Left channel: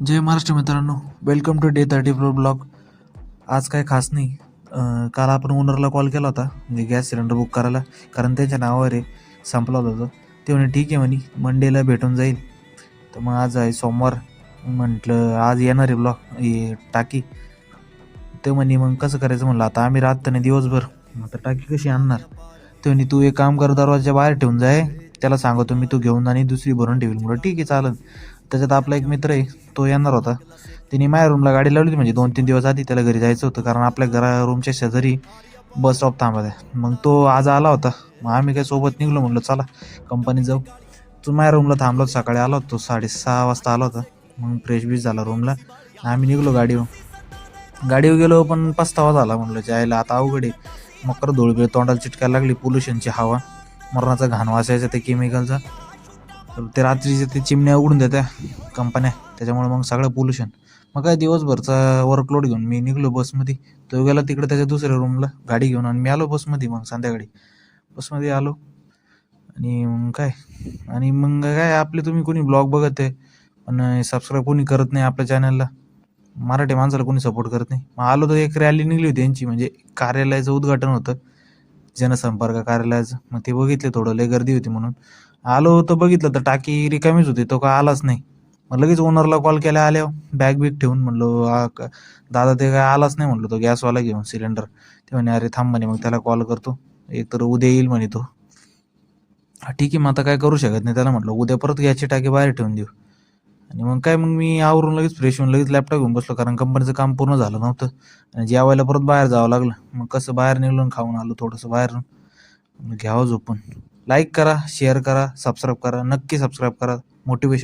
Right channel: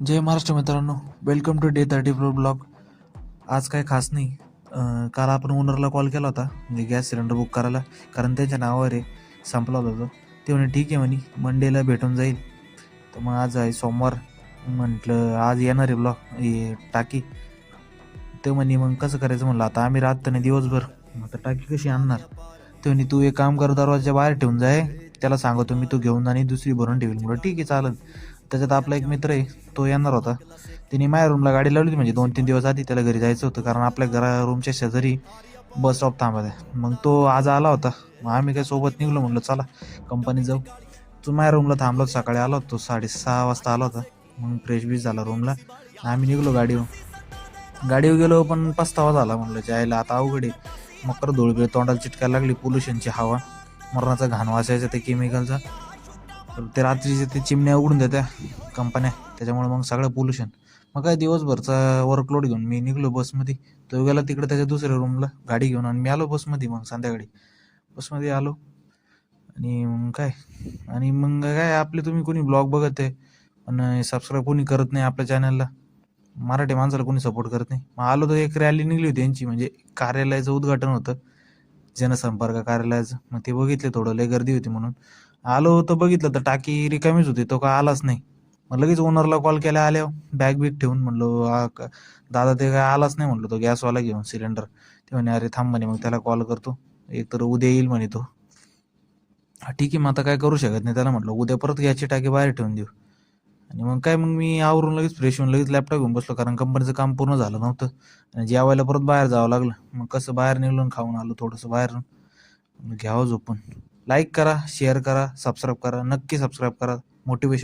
जय महाराष्ट्र मित्रांनो, welcome to day 34 blog. आज काय खास नाही. काल आपण ओनरला कॉल केला होता म्हणजे गॅस सिलेंडर बुक करायला, कारण त्यांच्या नावावर आहे, संपला होता. ते म्हणे ठीक आहे म्हणे मंडेला भेटून जाईल. तर मग आज आहे सोमवार, म्हटलं आज येणार आहे हे टाकी. ते म्हणे मग कसं करायचं म्हणलं, आता आम्ही राहत नाही दिवसभर, आता टाकी कशी आणणार. ते म्हणे तू एक काम कर, दरवाजा बाहेर ठेवून जाय, त्याला सांगतो मी तू घेऊन आणि दुसरी भरून ठेवील. म्हणलं ठीक आहे चालेल. त्याच्यात आपला एक मित्र आहे, तो येणार होता. तिने माझ्या रूमला गाडी लावली होती, म्हणजे 2-3 दिवस आधी त्याला घरी जायचं होतं, कारण आपल्या रूमच्या शेजारी बस स्टॉप थांबत आहे. मग तो आज आला होता. मग आम्ही काय सोबत निघलो, म्हणलं चला कंपनीत जाऊ. तो माझ्या रूमला थांबलो, सकाळी आला होता तो 6:30 वाजता आला होता. मग फ्रेश बीश झाला रूमला, आम्ही निघलो गाडीवर गेलो. पण पस्तावा झाला, म्हणलं जायला आता अवघड आहे. मकर धूळ तोंडाला चिटकायला लागली, पोल्युशनची हवा, मरणाचा घाण वासायचा ते केमिकलचा. ते रात्रीचे ते चिमण्या उघडून देत्या कंपन्या, त्याच्यामुळे मग सगळं पोल्युशन. मग काय दिवसभरचा वर्कलोड घेऊन मी निघलो बसमध्ये. तो गेला तिकडे त्याच्या दुसऱ्या रूमला गाडी घेऊन, आणि मी आलो बसमध्ये. मग संध्याकाळी बसमध्ये आलो, आणि मग काय आपले तुम्ही कोणी ब्लॉग बघत आहे पण सबस्क्राईब कोणी करत नाही आपल्या चॅनलला. मराठी माणसाला कोणी सपोर्ट करत नाही. मग आलो तर एक रॅली निघली होती त्यांची, म्हणजे कार्यालयाचं उद्घाटन होतं, जनसंपर्क कार्यालयाचं. मग ते बघितले, थोडं लय गर्दी होती म्हणून आलो. तर बघितलं तर टाकी रिकामीच होती, तो काय आलाच नाही. मग लगेच ओनरला कॉल केला आल्यावर, बॅग बिग ठेवून. म्हणलो दादा ते काय आलाच नाही, म्हणलो तो गॅसवाला घेऊन सिलेंडर. ते म्हणे अरे थांब म्हणे, मग त्याला कॉल करतो, एक तर उद्या येईल म्हणे तो. ठीक आहे, मग आता काय करू शकत नाही त्याला. म्हटलं उद्या परत गॅसची टाकी बाहेर ठेवून देऊ. आणि मग मी आवरून लगेच फ्रेश होऊन लगेच लॅपटॉप घेऊन बसलो, कारण कंपनीचं काम पूर्ण झालं नव्हतं. आणि जेवायला परत बाहेर जावं लागलं. मग कसं बाहेर निघून खाऊन आलो थोडंसं बाहेरून. घ्यावं झोपून. लाईक करा, शेअर करा, सबस्क्राईब करा, नक्की सबस्क्राईब करा. मोटिवेशन